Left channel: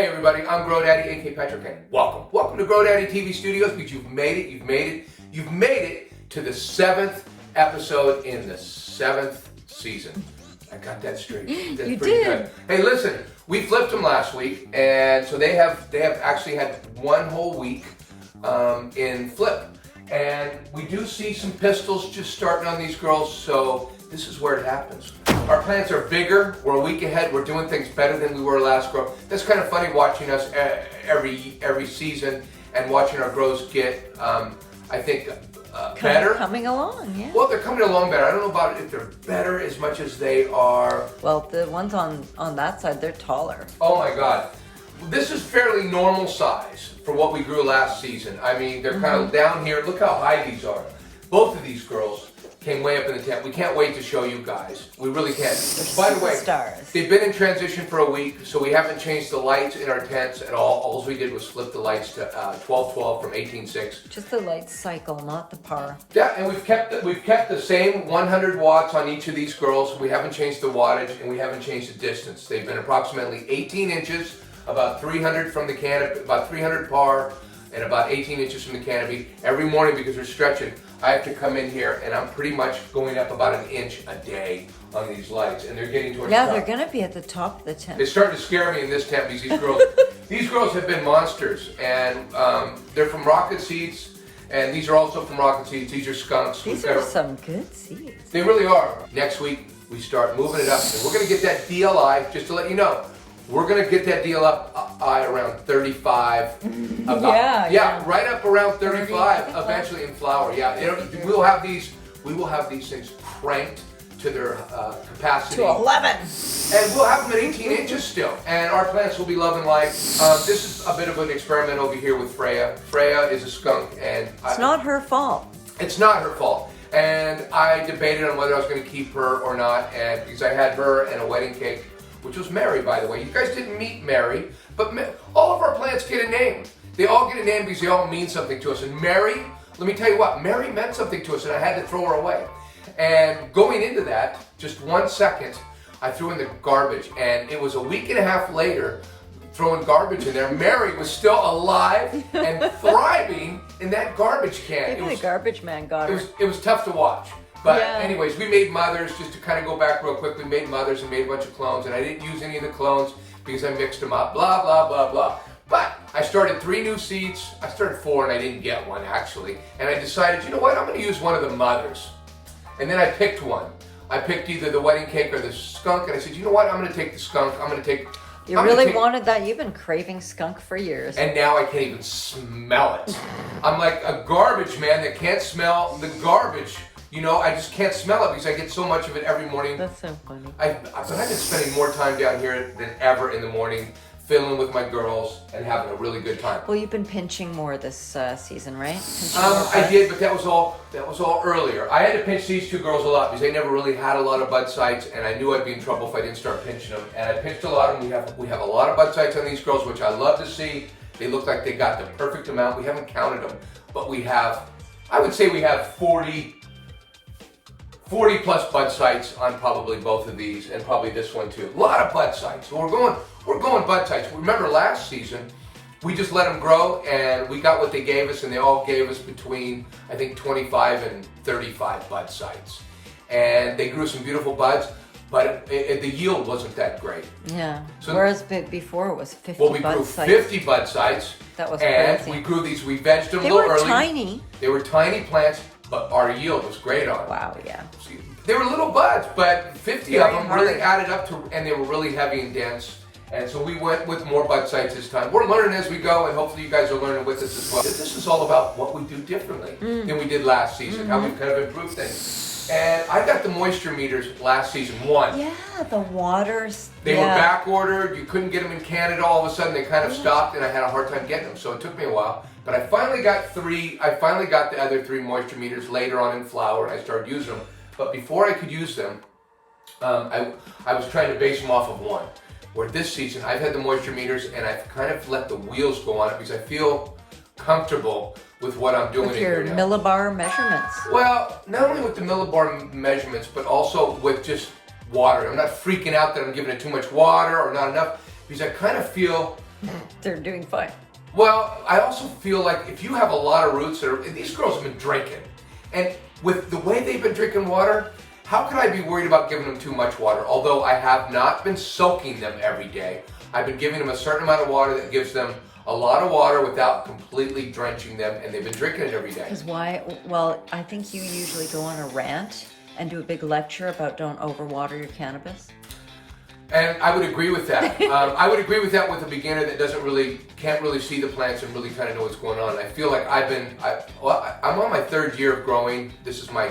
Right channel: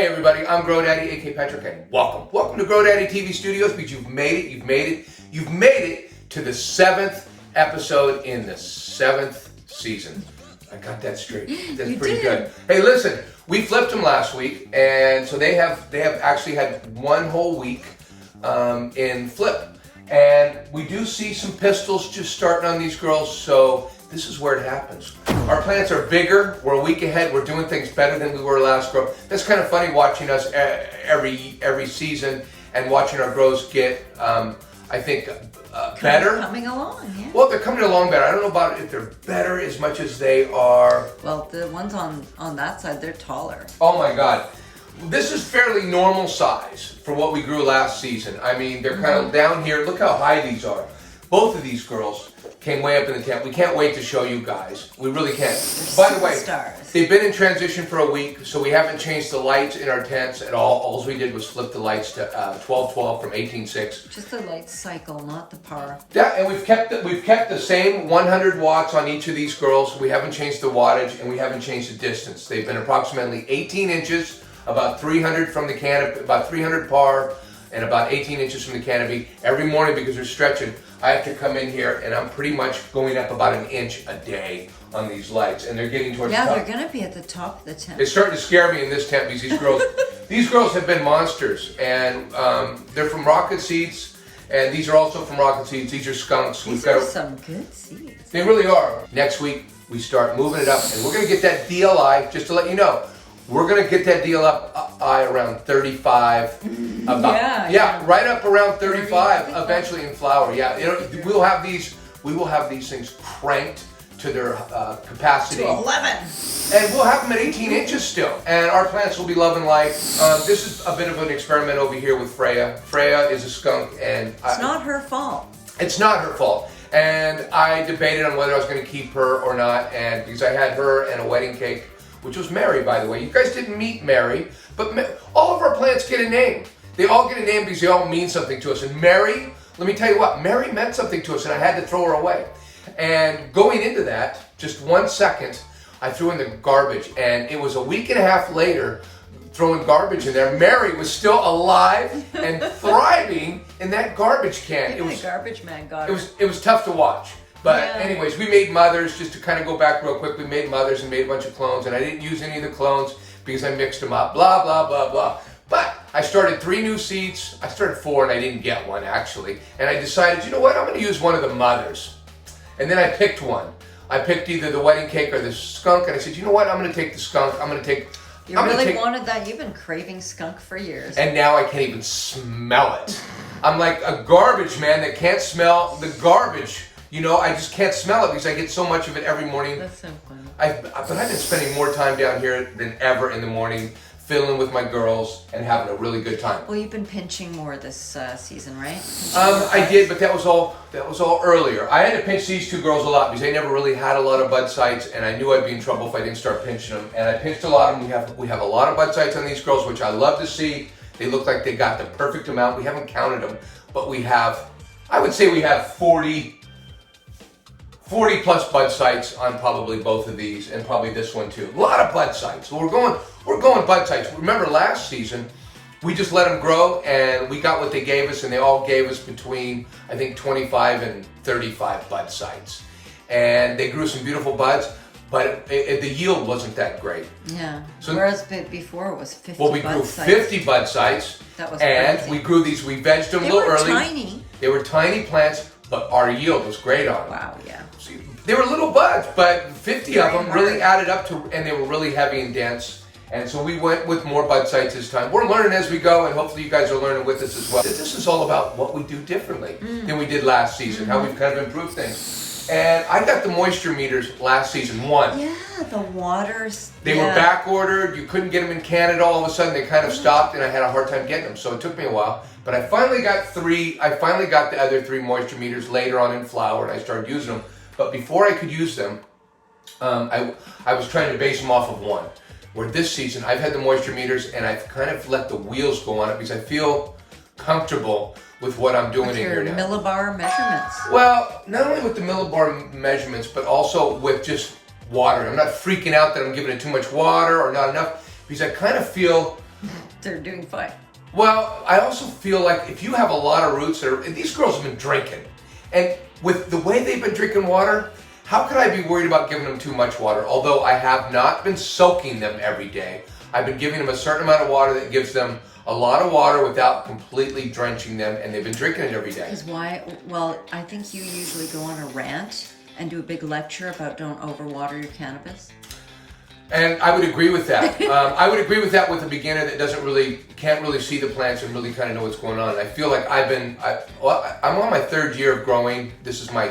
Hey everybody, I'm GoDaddy, aka Patrick, and welcome to GoDaddy TV Studios, because you've made it to the 7th episode in the 7th season. I got that straight. That's pretty good. Hey, listen, we flipped them last week, and so they have actually had one whole week in flip, and we do see some pistils just starting on these girls. So this is where it happens. Our plants are bigger. We're a week ahead. We're doing things better than we were last grow. That's kind of funny watching us every season and watching our grows get, I think, better. Coming along, yeah. Well, they're coming along better. I don't know about if they're better as much as they are. Well, the ones on that side, they're taller. Oh my God. This is fairly normal size for what we grew last season. I mean, they're kind of down here. Look how high these are. Both of these girls came way up in the tent. We can't wait to show you guys. We really can't. By the way, they've been in transition for a week, so we haven't changed the lights in our tents at all. All we did was flip the lights to 12-12 from 18.6. Just the light cycle, not the power. Yeah, and we've kept the same 100 watts on each of these girls. We haven't changed the wattage, and we haven't changed the distance. They've been approximately 18 inches, about 300 from the canopy, about 300 par, and about 18 inches from the canopy. Every morning, because they're stretching, I have to come in here, and I'm pretty much going up about an inch a day on these lights, and they're getting towards the top. Yeah, they're going to be at the top of the tent. It's starting to scare me in this tent, because these girls have been monsters, and they're from Rocket Seeds, and these are also from Rocket Seeds. These are skunks. These are some good seeds. They really are. Next week, we start moving it up, and we're going to get that DLI, just to let you know, we're going to get that deal up around 35. Yeah, right up around 35 eventually in flower. Yeah, we will have these things cranked to their capacity. To 11. And we'll have them at 18 inches still. And our plants will be loving life. This is a bit of an experiment over here with Freyja. Freyja is a skunk, and it's not her fault. It's not her fault. And I debated on whether I was going to keep her or not, and because I had her and a wedding cake, which was Mary, by the way. You guys didn't meet Mary, but all of our plants get a name. They all get a name because they all mean something to us. And Mary, let me tell you what, Mary meant something to us, and I had to throw her away. And going into that, just 1 second, I threw in the garbage, and it was a week and a half later, throwing garbage in there. Mary was still alive and thriving in that garbage can. It was the garbage man got it. It was tough to watch. But anyways, we made mothers, just to kind of go back real quick, we made mothers and made a bunch of clones, and I didn't use any of the clones because I mixed them up, blah, blah, blah, blah. But I started 3 new seeds. I started 4 and I didn't get one actually. And I decided, you know what, I'm going to use one of the mothers. And then I picked one. I picked either the wedding cake or the skunk, and I said, you know what, I'm going to take the skunk. You really wanted that? You've been craving skunk for years. And now I can't even smell it. I'm like a garbage man that can't smell the garbage. You know, I just can't smell it because I get so much of it every morning. That's so funny. But I've been spending more time down here than ever in the morning, filling with my girls and having a really good time. Well, you've been pinching more this season, right? I did, but that was all earlier. I had to pinch these 2 girls a lot because they never really had a lot of bud sites, and I knew I'd be in trouble if I didn't start pinching them. And I pinched a lot of them. We have a lot of bud sites on these girls, which I love to see. They look like they got the perfect amount. We haven't counted them, but we have. I would say we have 40 plus bud sites on probably both of these, and probably this one too. A lot of bud sites. So we're going bud sites. Remember last season, we just let them grow, and we got what they gave us, and they all gave us between, I think, 25 and 35 bud sites. And they grew some beautiful buds, but the yield wasn't that great. Yeah. So whereas before it was 50 well, we grew 50 bud sites. That was and crazy. We grew these, we vegged them a little early. Tiny. They were tiny plants, but our yield was great on them. Wow, yeah. They were little buds, but 50 of them really added up to, and they were really heavy and dense. And so we went with more bud sites this time. We're learning as we go, and hopefully you guys are learning with us as well. This is all about what we do differently than we did last season, how we've kind of improved things. And I got the moisture meters last season, 1. Yeah, the waters. They were back ordered. You couldn't get them in Canada. All of a sudden they kind of stopped, and I had a hard time getting them. So it took me a while. But I finally got 3. I finally got the other 3 moisture meters later on in flower, and I started using them. But before I could use them, I was trying to base them off of 1. Where this season, I've had the moisture meters, and I've kind of let the wheels go on it because I feel comfortable with what I'm doing in here now. Millibar measurements. Well, not only with the millibar measurements, but also with just water. I'm not freaking out that I'm giving it too much water or not enough, because I kind of feel They're doing fine. Well, I also feel like if you have a lot of roots, these girls have been drinking. And with the way they've been drinking water, how could I be worried about giving them too much water? Although I have not been soaking them every day. I've been giving them a certain amount of water that gives them a lot of water without completely drenching them, and they've been drinking it every day. Because why? Well, I think you usually go on a rant and do a big lecture about don't overwater your cannabis. And I would agree with that. I would agree with that with a beginner that can't really see the plants and really kind of know what's going on. I feel like I'm on my 3rd year of growing. This is my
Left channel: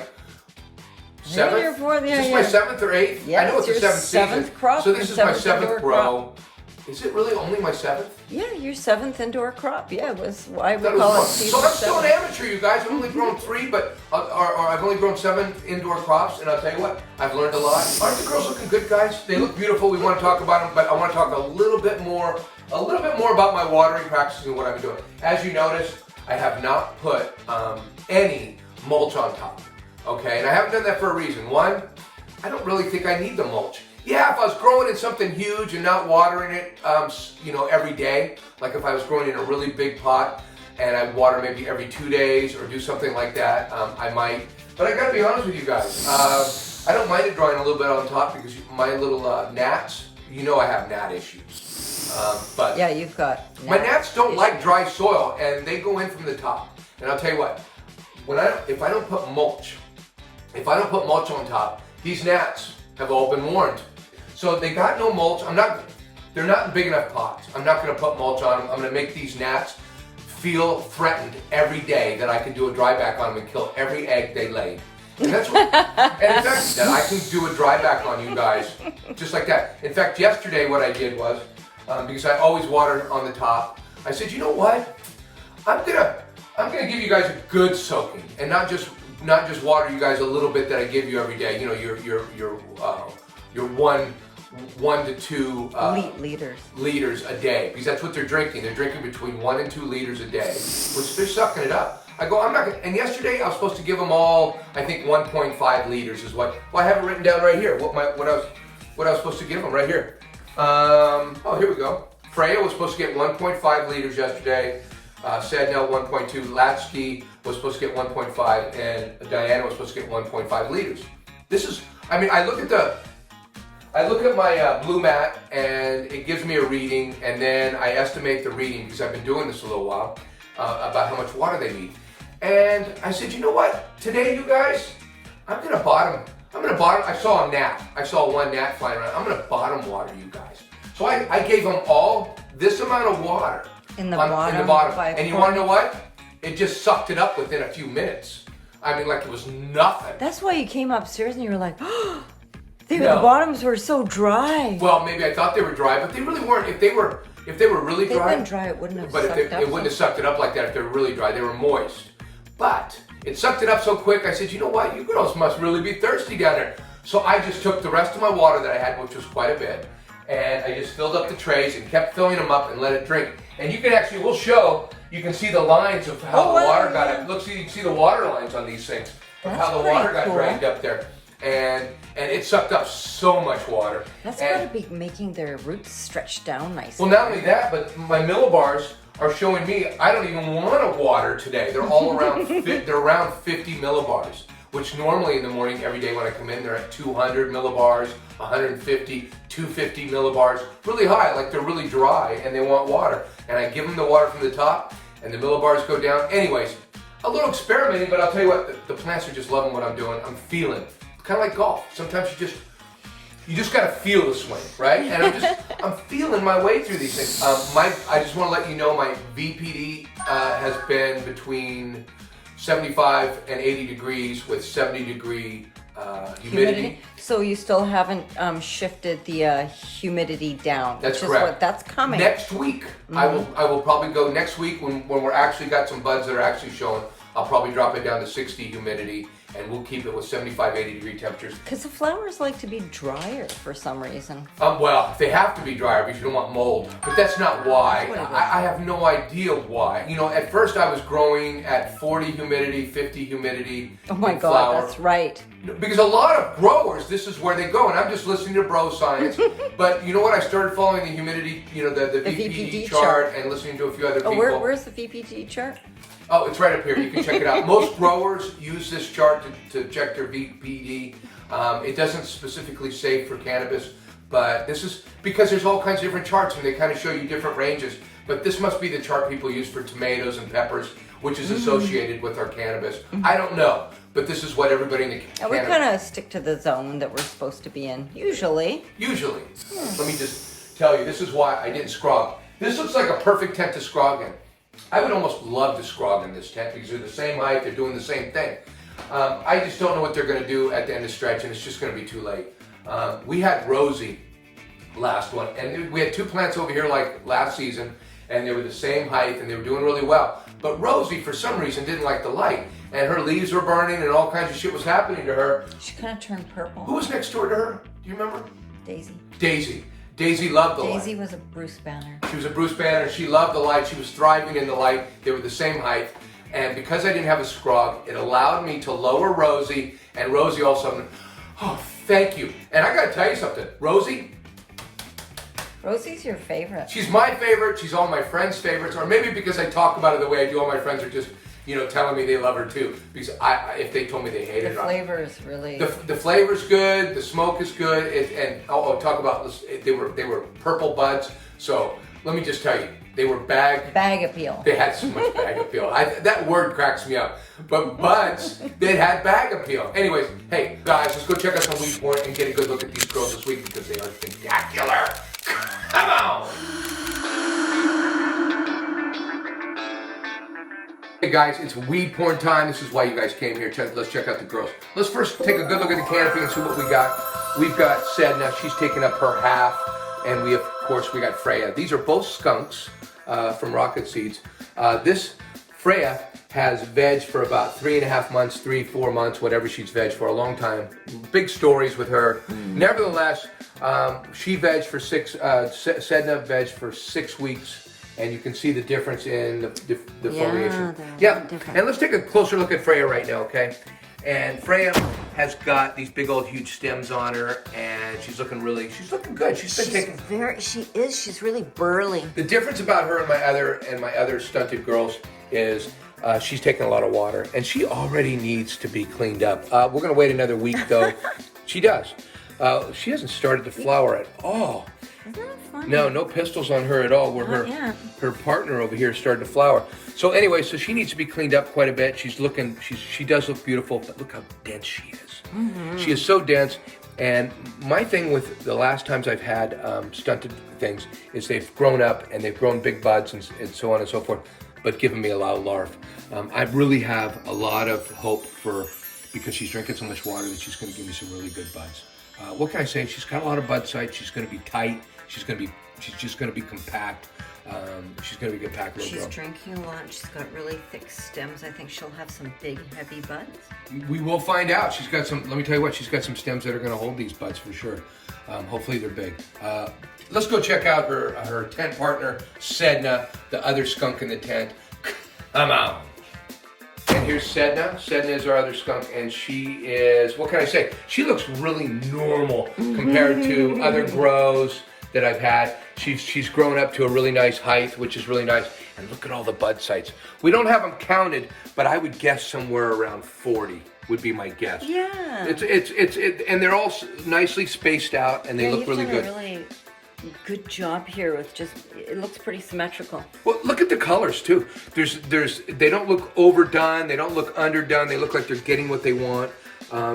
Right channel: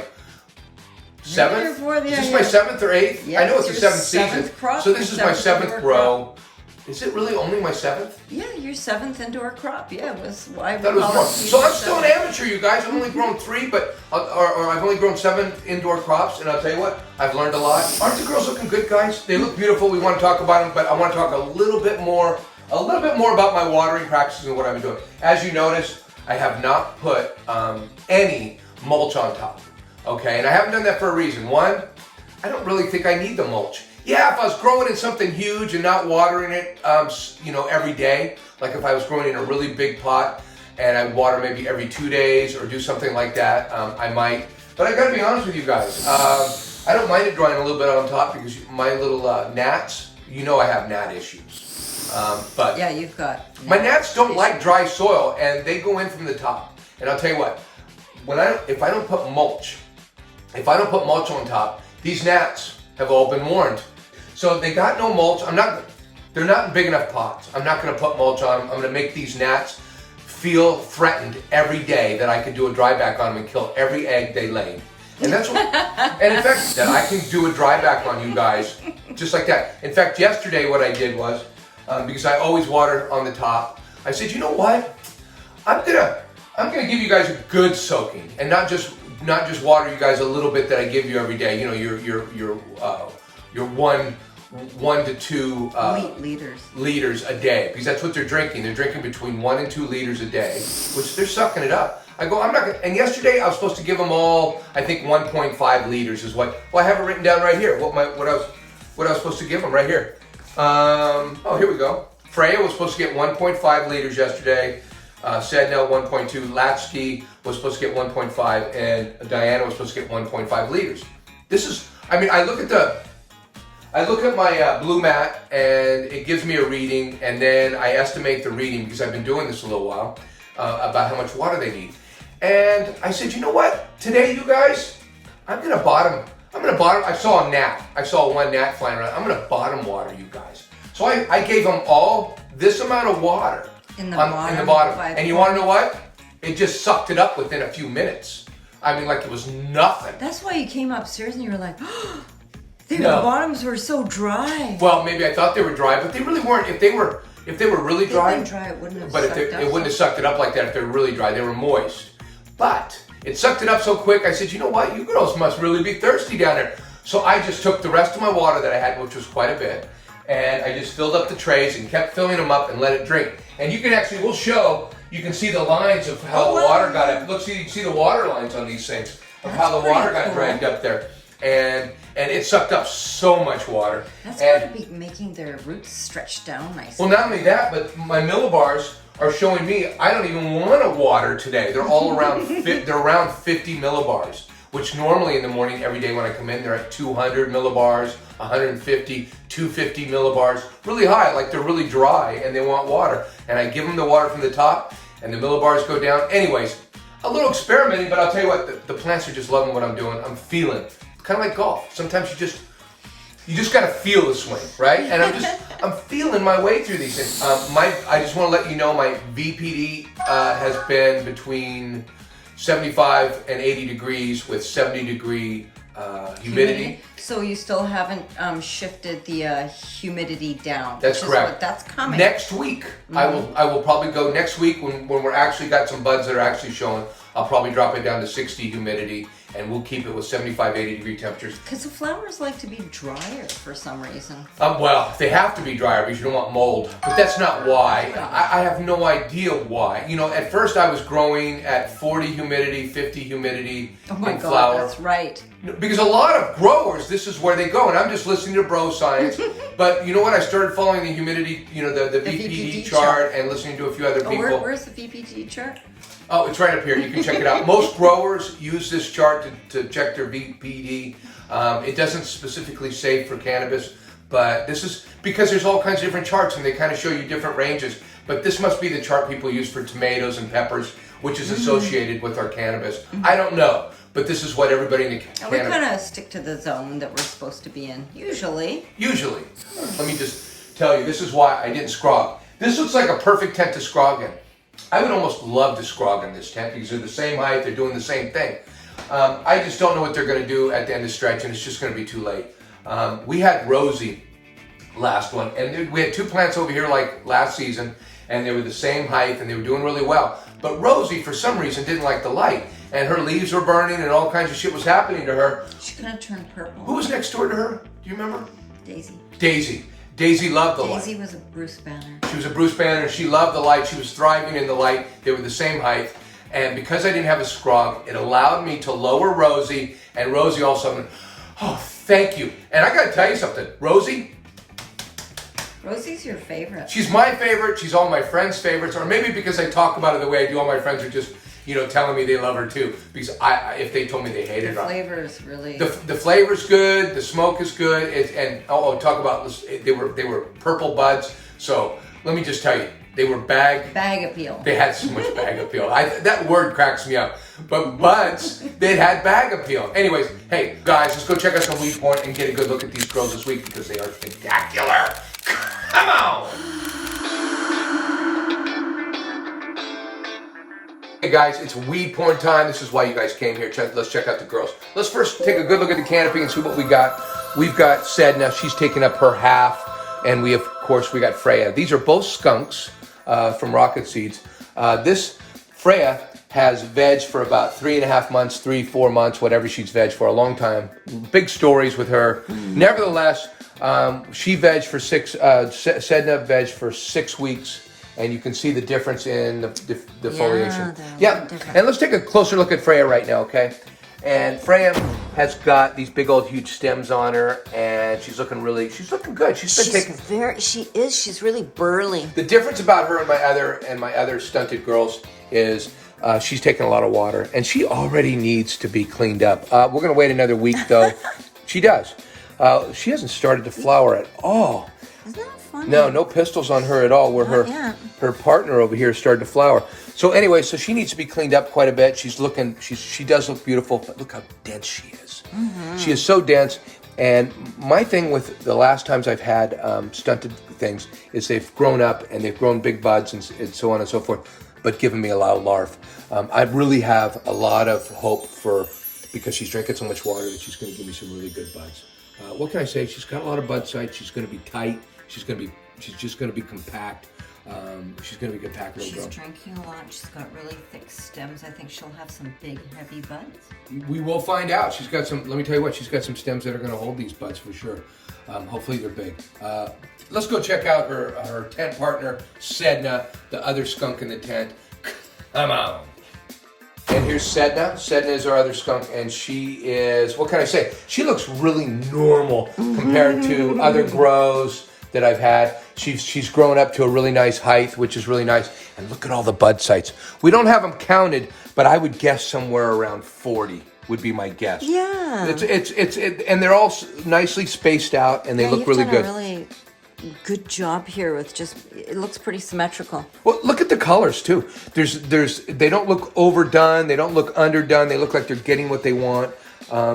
7th. Is this my 7th or 8th? Yeah, I know it's the 7th season. Crop, so this is my 7th grow. Is it really only my 7th? Yeah, your 7th indoor crop. Yeah, it was. I thought it was more. So I'm still an amateur, you guys. I've only grown 3, or I've only grown 7 indoor crops, and I'll tell you what, I've learned a lot. Aren't the girls looking good, guys? They look beautiful. We want to talk about them, but I want to talk a little bit more about my watering practices and what I've been doing. As you notice, I have not put any mulch on top. Okay, and I haven't done that for a reason. One, I don't really think I need the mulch. Yeah, if I was growing in something huge and not watering it, every day, like if I was growing in a really big pot and I'd water maybe every 2 days or do something like that, I might. But I gotta be honest with you guys, I don't mind it drying a little bit on top because my little gnats, I have gnat issues. But yeah, you've got. My gnats don't like dry soil and they go in from the top. And I'll tell you what, if I don't put mulch on top, these gnats have all been warned. So they got no mulch. They're not in big enough pots. I'm not gonna put mulch on them. I'm gonna make these gnats feel threatened every day that I can do a dryback on them and kill every egg they lay. And that's what, and in fact, that I can do a dryback on you guys, just like that. In fact, yesterday what I did was, because I always water on the top, I said, you know what? I'm gonna give you guys a good soaking, and not just water you guys a little bit that I give you every day. Your 1 to 2 liters a day, because that's what they're drinking. They're drinking between 1 and 2 liters a day, which they're sucking it up. I'm not gonna, and yesterday I was supposed to give them all, I think 1.5 liters is what, well, I have it written down right here, what I was supposed to give them right here. Here we go. Freyja was supposed to get 1.5 liters yesterday. Sedna 1.2, Lakshmi was supposed to get 1.5, and Diana was supposed to get 1.5 liters. I look at my BluMat and it gives me a reading, and then I estimate the reading because I've been doing this a little while about how much water they need. And I said, you know what? Today, you guys, I'm gonna bottom. I saw a gnat. I saw one gnat flying around. I'm gonna bottom water you guys. So I gave them all this amount of water in the bottom. And you want to know what? It just sucked it up within a few minutes. I mean, like it was nothing. That's why you came upstairs and you were like, oh, the bottoms were so dry. Well, maybe I thought they were dry, but they really weren't. If they were really dry, it wouldn't have. But it wouldn't have sucked it up like that if they were really dry. They were moist. But it sucked it up so quick. I said, you know what? You girls must really be thirsty down there. So I just took the rest of my water that I had, which was quite a bit, and I just filled up the trays and kept filling them up and let it drink. And you can actually, you can see the lines of how the water got up. Look, you can see the water lines on these things of how the water got dragged up there. And it sucked up so much water. That's got to be making their roots stretch down nicely. Well, not only that, but my millibars are showing me I don't even want to water today. They're all around they're around 50 millibars, which normally in the morning every day when I come in they're at 200 millibars, 150, 250 millibars, really high, like they're really dry and they want water. And I give them the water from the top and the millibars go down. Anyways, a little experimenting, but I'll tell you what, the plants are just loving what I'm doing. I'm feeling. Kind of like golf. Sometimes you just gotta feel the swing, right? And I'm feeling my way through these things. I just want to let you know my VPD has been between 75 and 80 degrees with 70 degree humidity. So you still haven't shifted the humidity down. That's correct. That's coming. Next week, I will probably go next week when we're actually got some buds that are actually showing. I'll probably drop it down to 60 humidity, and we'll keep it with 75, 80 degree temperatures. Because the flowers like to be drier for some reason. Well, they have to be drier because you don't want mold. But that's not why. I have no idea why. You know, at first I was growing at 40 humidity, 50 humidity oh my in God, flower. That's right. Because a lot of growers, this is where they go, and I'm just listening to bro science. But you know what? I started following the humidity, the VPD chart, and listening to a few other people. Where's the VPD chart? Oh, it's right up here. You can check it out. Most growers use this chart to check their VPD. It doesn't specifically say for cannabis, but this is because there's all kinds of different charts, and they kind of show you different ranges. But this must be the chart people use for tomatoes and peppers, which is associated with our cannabis. I don't know, but this is what everybody in the We kind of stick to the zone that we're supposed to be in, usually. Usually. Let me just tell you, this is why I didn't scrog. This looks like a perfect tent to scrog in. I would almost love to scrog in this tent because they're the same height, they're doing the same thing. I just don't know what they're going to do at the end of the stretch, and it's just going to be too late. We had Rosie last one, and we had 2 plants over here like last season, and they were the same height, and they were doing really well. But Rosie, for some reason, didn't like the light, and her leaves were burning, and all kinds of shit was happening to her. She kind of turned purple. Who was next door to her? Do you remember? Daisy. Daisy loved the light. Daisy was a Bruce Banner. She was a Bruce Banner. She loved the light. She was thriving in the light. They were the same height. And because I didn't have a scrog, it allowed me to lower Rosie, and Rosie all of a sudden, oh, thank you. And I got to tell you something. Rosie's your favorite. She's my favorite. She's all my friends' favorites. Or maybe because I talk about her the way I do, all my friends are just, telling me they love her too. Because if they told me they hated her. The flavor is really... The flavor's good. The smoke is good. Talk about, they were purple buds. So let me just tell you, they were bag appeal. They had so much bag appeal. That word cracks me up. But buds, they had bag appeal. Anyways, hey guys, let's go check out some Weed Point and get a good look at these girls this week because they are spectacular. Come on! Hey guys, it's weed porn time. This is why you guys came here. Let's check out the girls. Let's first take a good look at the canopy and see what we got. We've got Sedna. She's taking up her half. And we got Freyja. These are both skunks from Rocket Seeds. This Freyja has veg for about 3.5 months, 3-4 months, whatever she's veg for a long time. Big stories with her. Nevertheless, she veg for Sedna veg for 6 weeks, and you can see the difference in the foliation. Yeah, and let's take a closer look at Freyja right now, okay? And Freyja has got these big old huge stems on her, and she's looking good. She's really burly. The difference about her and my other stunted girls is she's taking a lot of water, and she already needs to be cleaned up. We're gonna wait another week though. She does. She hasn't started to flower at all. Isn't that funny? No pistils on her at all. Where her partner over here started to flower. So anyway, so she needs to be cleaned up quite a bit. She does look beautiful, but look how dense she is. She is so dense. And my thing with the last times I've had stunted things is they've grown up and they've grown big buds and so on and so forth, but given me a lot of larvae. I really have a lot of hope because she's drinking so much water that she's going to give me some really good buds. What can I say? She's got a lot of bud sites. She's going to be tight. She's just going to be compact. She's going to be a compact little girl. She's drinking a lot. She's got really thick stems. I think she'll have some big, heavy buds. We will find out. She's got some, let me tell you what, she's got some stems that are going to hold these buds for sure. Hopefully they're big. Let's go check out her tent partner, Sedna, the other skunk in the tent. Come on. And here's Sedna. Sedna is our other skunk, and she is, what can I say? She looks really normal compared to other grows that I've had. She's grown up to a really nice height, which is really nice. And look at all the bud sites. We don't have them counted, but I would guess somewhere around 40 would be my guess. Yeah. And they're all nicely spaced out, and they look really good. You've done a really good job here with it looks pretty symmetrical. Well, look at the colors too. They don't look overdone. They don't look underdone. They look like they're getting what they want.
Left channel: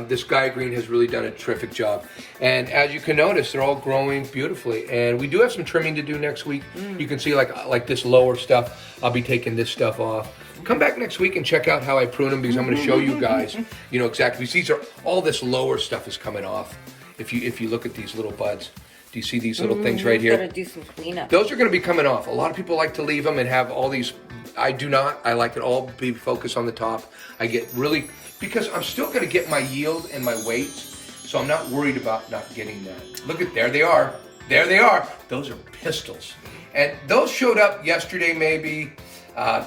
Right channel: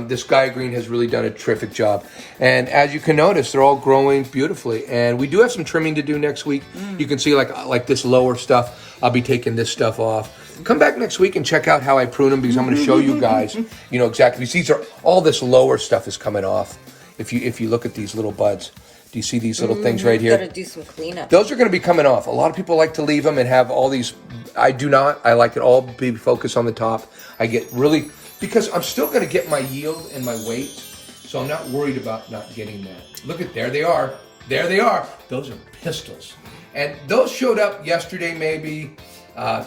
This Guy Green has really done a terrific job. And as you can notice, they're all growing beautifully. And we do have some trimming to do next week. You can see like this lower stuff. I'll be taking this stuff off. Come back next week and check out how I prune them because I'm going to show you guys, exactly. These are all this lower stuff is coming off. If you look at these little buds. Do you see these little things right here? Got to do some cleanup. Those are going to be coming off. A lot of people like to leave them and have all these. I do not. I like it all be focused on the top. I get really, because I'm still going to get my yield and my weight, so I'm not worried about not getting that. Look at, there they are. There they are. Those are pistils. And those showed up yesterday maybe.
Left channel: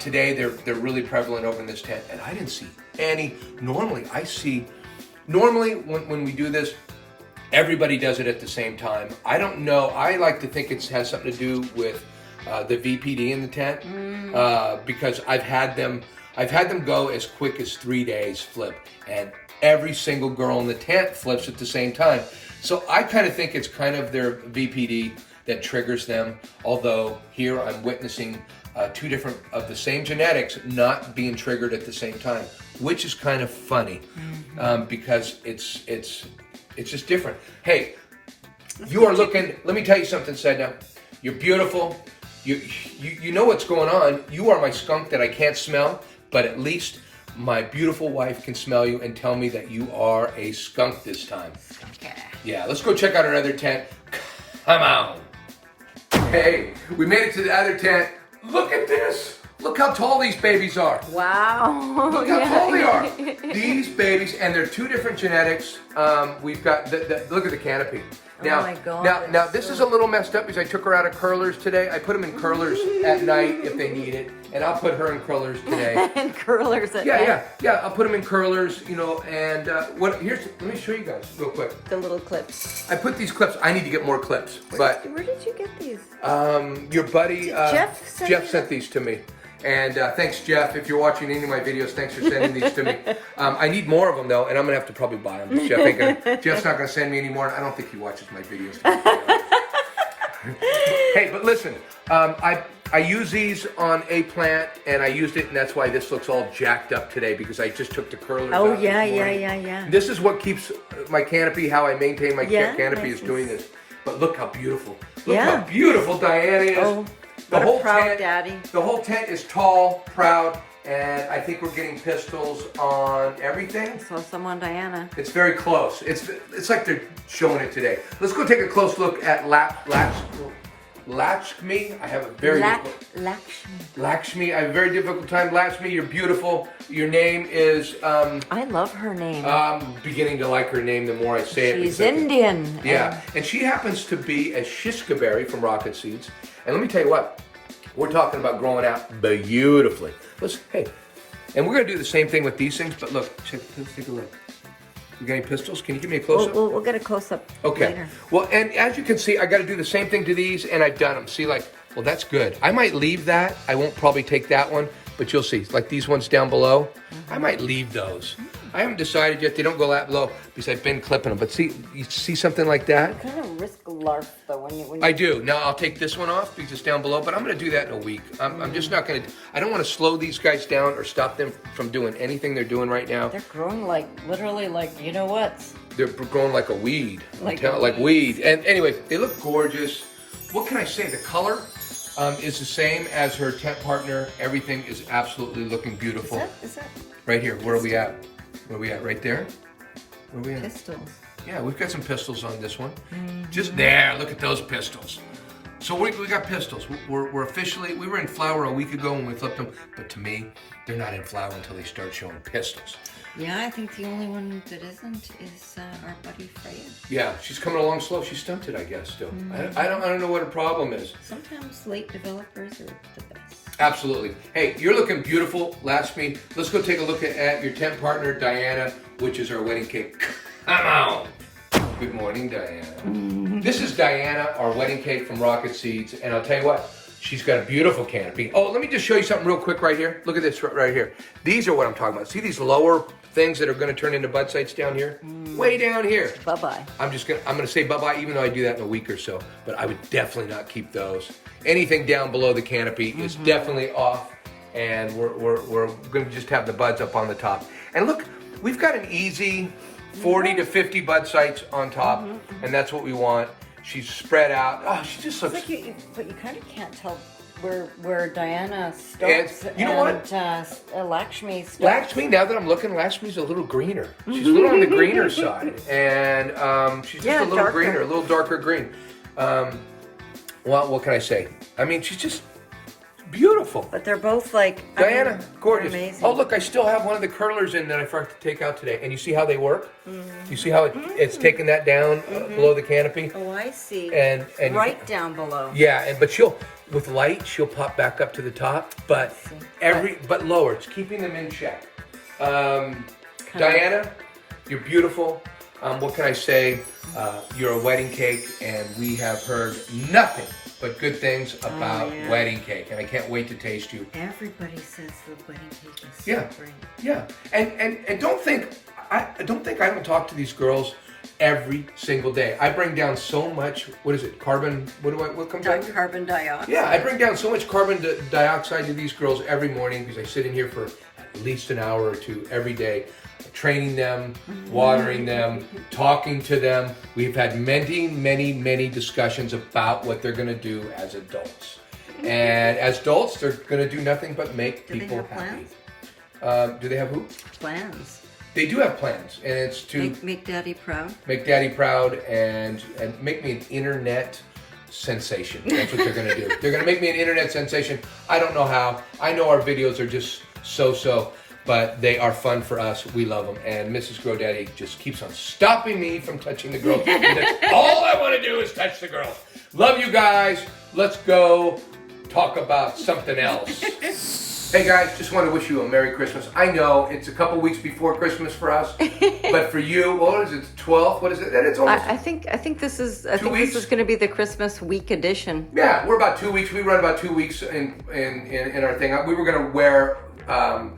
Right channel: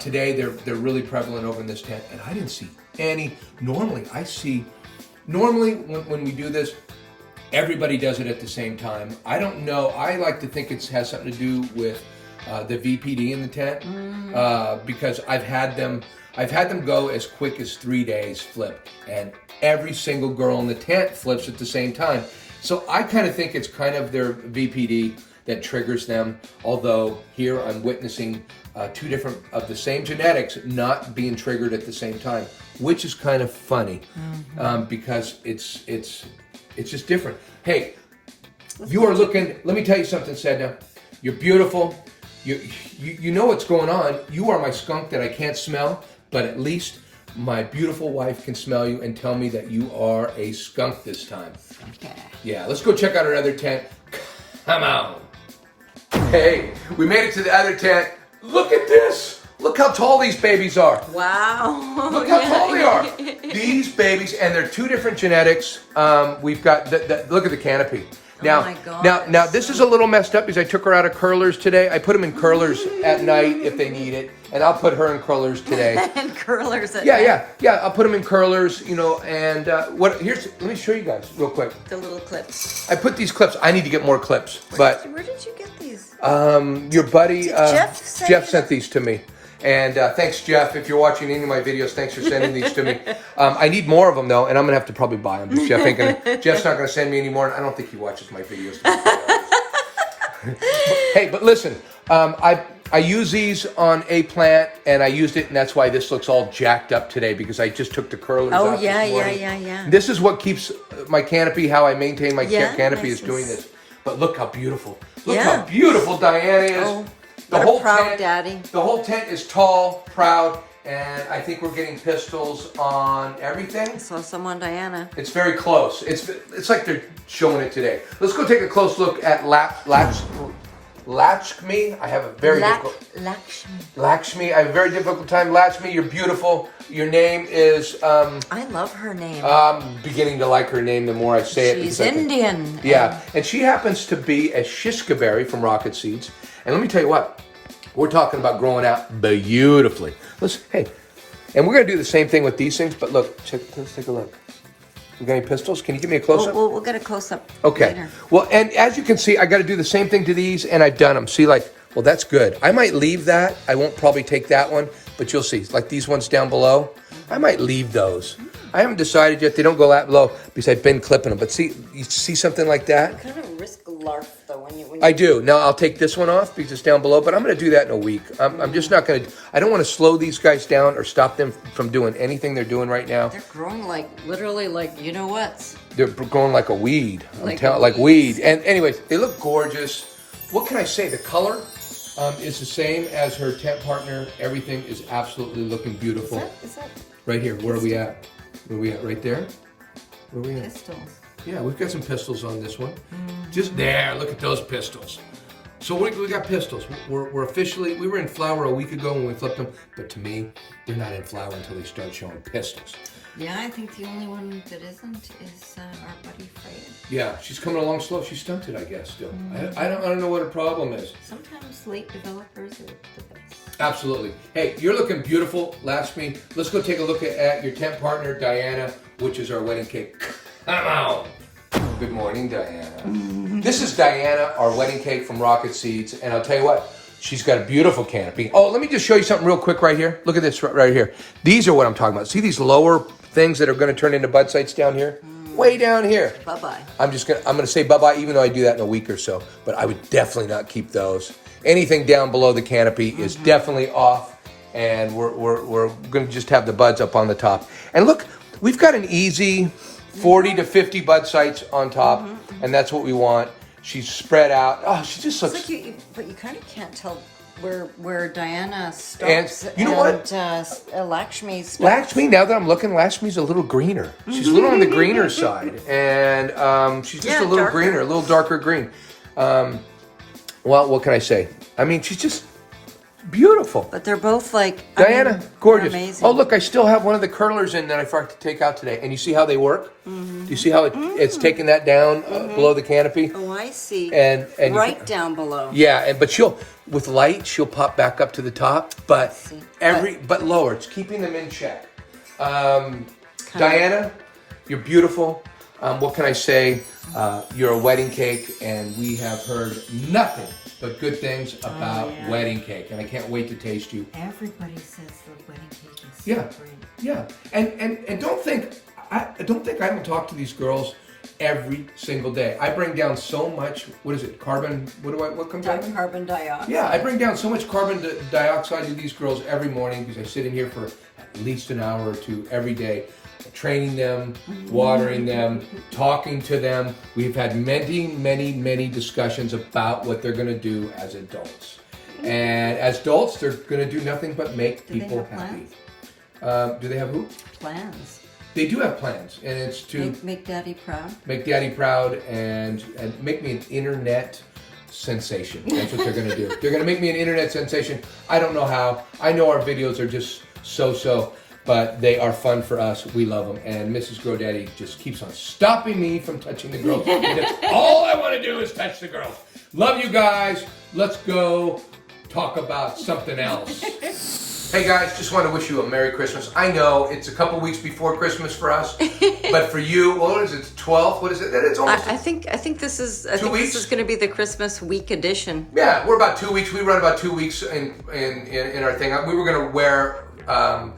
Today they're really prevalent over in this tent, and I didn't see any. Normally I see Normally, when we do this, everybody does it at the same time. I don't know. I like to think it has something to do with the VPD in the tent because I've had them go as quick as 3 days flip, and every single girl in the tent flips at the same time. So I kind of think it's kind of their VPD that triggers them. Although here I'm witnessing two different of the same genetics not being triggered at the same time, which is kind of funny because it's just different. Hey, you are looking. Let me tell you something, Sedna. You're beautiful. You know what's going on. You are my skunk that I can't smell, but at least my beautiful wife can smell you and tell me that you are a skunk this time. Okay. Yeah, let's go check out our other tent. Come on. Hey, we made it to the other tent. Look at this. Look how tall these babies are. Wow. Look how tall they are. These babies, and they're two different genetics. We've got, look at the canopy. Now, oh my God, now this is a little messed up because I took her out of curlers today. I put them in curlers at night if they need it, and I'll put her in curlers today. And curlers at night. Yeah. I'll put them in curlers, you know. And let me show you guys real quick. The little clips. I put these clips. I need to get more clips, Where did you get these? Your buddy Jeff sent these to me. And thanks, Jeff. If you're watching any of my videos, thanks for sending these to me. I need more of them, though, and I'm going to have to probably buy them. Jeff's not going to send me any more. I don't think he watches my videos. Hey, but listen, I use these on a plant, and I used it, and that's why this looks all jacked up today, because I just took the curlers out this morning. Yeah. This is what keeps my canopy, how I maintain my canopy nice is doing this. But look how beautiful. Look how beautiful Diana is. Oh. What a proud daddy. The whole tent is tall, proud, and I think we're getting pistils on everything. So someone, Diana. It's very close. It's like they're showing it today. Let's go take a close look at Lakshmi. I have a very Lakshmi. I have a very difficult time. Lakshmi, you're beautiful. Your name is. I love her name. I'm beginning to like her name the more I say it. She's Indian. Yeah, and she happens to be a Shiskaberry from Rocket Seeds. And let me tell you what, we're talking about growing out beautifully. And we're going to do the same thing with these things, but look, let's take a look. You got any pistils? Can you give me a close-up? We'll get a close-up later. Well, and as you can see, I got to do the same thing to these, and I've done them. See, well, that's good. I might leave that. I won't probably take that one, but you'll see. Like these ones down below, I might leave those. I haven't decided yet. They don't go that low because I've been clipping them. But see, you see something like that? You kind of risk a larf, though, when you... I do. Now, I'll take this one off because it's down below, but I'm going to do that in a week. I'm just not going to... I don't want to slow these guys down or stop them from doing anything they're doing right now. They're growing literally you know what? They're growing like a weed. Like weed. And anyways, they look gorgeous. What can I say? The color is the same as her tent partner. Everything is absolutely looking beautiful. Is that right here. Where are we at? Where are we at? Right there? Where are we at? Pistils. Yeah, we've got some pistils on this one. Just there. Look at those pistils. So we got pistils. We're officially, we were in flower a week ago when we flipped them, but to me, they're not in flower until they start showing pistils. Yeah, I think the only one that isn't is our buddy Freyja. Yeah, she's coming along slow. She's stunted, I guess, still. I don't know what her problem is. Sometimes late developers are the best. Absolutely. Hey, you're looking beautiful, Lakshmi. Let's go take a look at your tent partner, Diana, which is our wedding cake. Come on. Good morning, Diana. This is Diana, our wedding cake from Rocket Seeds, and I'll tell you what, she's got a beautiful canopy. Oh, let me just show you something real quick right here. Look at this right here. These are what I'm talking about. See these lower things that are going to turn into bud sites down here? Way down here. Bye-bye. I'm going to say bye-bye, even though I do that in a week or so, but I would definitely not keep those. Anything down below the canopy is definitely off, and we're going to just have the buds up on the top. And look, we've got an easy 40 to 50 bud sites on top, and that's what we want. She's spread out. Oh, she just looks... It's like but you kind of can't tell where Diana stops and, you know what? Lakshmi stops. Lakshmi, now that I'm looking, Lakshmi's a little greener. She's a little on the greener side, and she's just a little greener, a little darker green. Well, what can I say? I mean, she's just beautiful. But they're both Diana, gorgeous. Amazing. Oh, look, I still have one of the curlers in that I forgot to take out today. And you see how they work? You see how it's taking that down below the canopy? Oh, I see. And right down below. Yeah, but with light, she'll pop back up to the top. But lower. It's keeping them in check. Diana, You're beautiful. What can I say? You're a wedding cake, and we have heard nothing but good things about wedding cake, and I can't wait to taste you. Everybody says the wedding cake is so great. Yeah, and don't think I don't talk to these girls every single day. I bring down so much. What is it? Carbon? What comes out? Carbon dioxide. Yeah, I bring down so much carbon dioxide to these girls every morning because I sit in here for at least an hour or two every day, training them, watering them, talking to them. We've had many discussions about what they're going to do as adults. And as adults, they're going to do nothing but make people happy. Do they have who? Plans. They do have plans, and it's to make Daddy proud. Make Daddy proud and make me an internet sensation. That's what they're going to do. They're going to make me an internet sensation. I don't know how. I know our videos are just so, but they are fun for us. We love them. And Mrs. GoDaddy just keeps on stopping me from touching the girls. That's all I want to do is touch the girls. Love you guys. Let's go talk about something else. Hey guys, just want to wish you a Merry Christmas. I know it's a couple weeks before Christmas for us, but for you, what is it? 12th? What is it? It's almost. I think this is going to be the Christmas week edition. Yeah, we're about 2 weeks. We run about 2 weeks in our thing. We were going to wear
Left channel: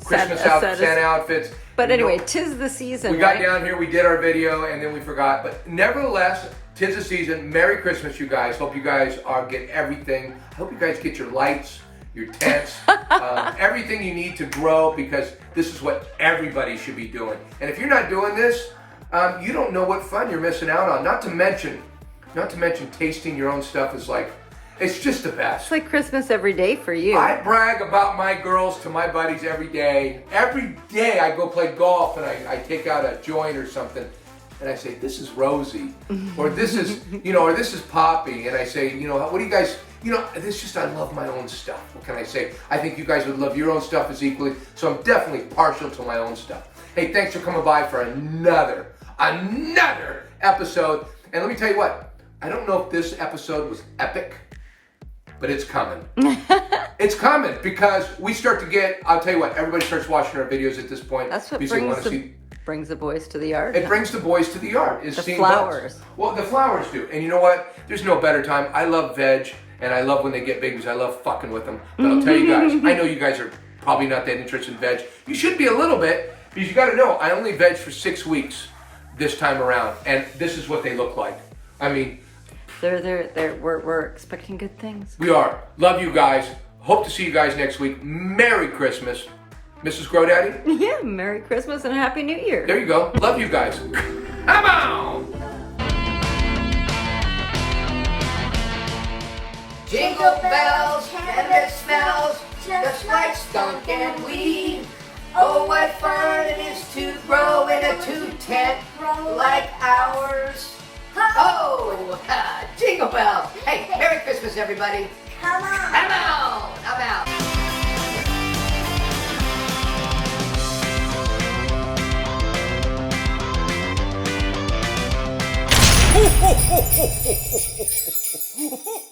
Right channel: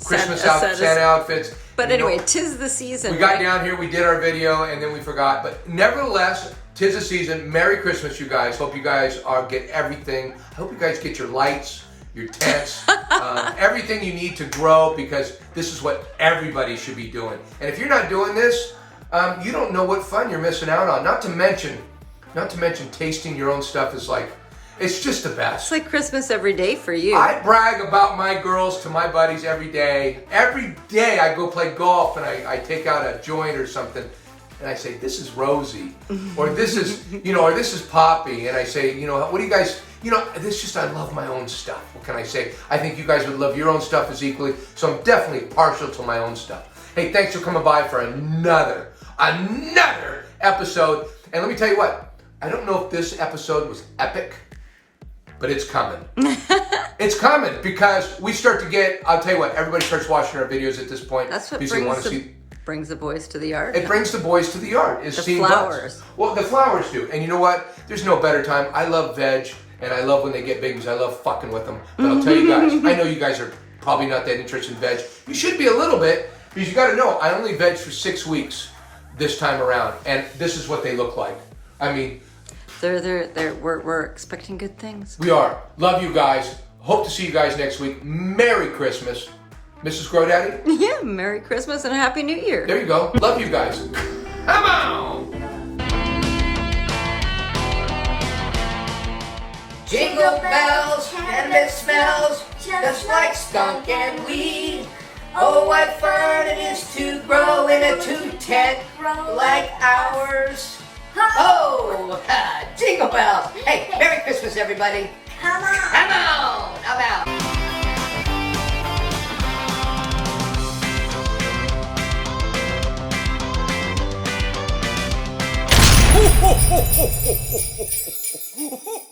Christmas Santa outfits. But anyway, 'tis the season. We got down here, we did our video, and then we forgot. But nevertheless, 'tis the season. Merry Christmas, you guys. Hope you guys get everything. I hope you guys get your lights, your tents, everything you need to grow, because this is what everybody should be doing. And if you're not doing this, you don't know what fun you're missing out on. Not to mention tasting your own stuff is like, it's just the best. It's like Christmas every day for you. I brag about my girls to my buddies every day. Every day I go play golf and I take out a joint or something, and I say, this is Rosie, or this is, or this is Poppy, and I say, what do you guys, it's just, I love my own stuff. What can I say? I think you guys would love your own stuff as equally, so I'm definitely partial to my own stuff. Hey, thanks for coming by for another episode, and let me tell you what, I don't know if this episode was epic, but it's coming. It's coming, because we start to get, I'll tell you what, everybody starts watching our videos at this point. That's what brings the boys to the yard. It brings the boys to the yard. The flowers. Well, the flowers do. And you know what? There's no better time. I love veg, and I love when they get babies. I love fucking with them. But I'll tell you guys, I know you guys are probably not that interested in veg. You should be a little bit, because you got to know, I only veg for 6 weeks this time around, and this is what they look like. I mean, we're expecting good things. We are. Love you guys. Hope to see you guys next week. Merry Christmas. Mrs. GoDaddy? Yeah, Merry Christmas and Happy New Year. There you go. Love you guys. Come on! Jingle bells, cannabis smells, just like skunk and weed. Oh, what fun it is to grow in a two-tent like ours. Oh, jingle bells. Hey, Merry Christmas, everybody. Come on. Come on. Come out. Ho, ho, ho, ho, ho, ho, ho, ho.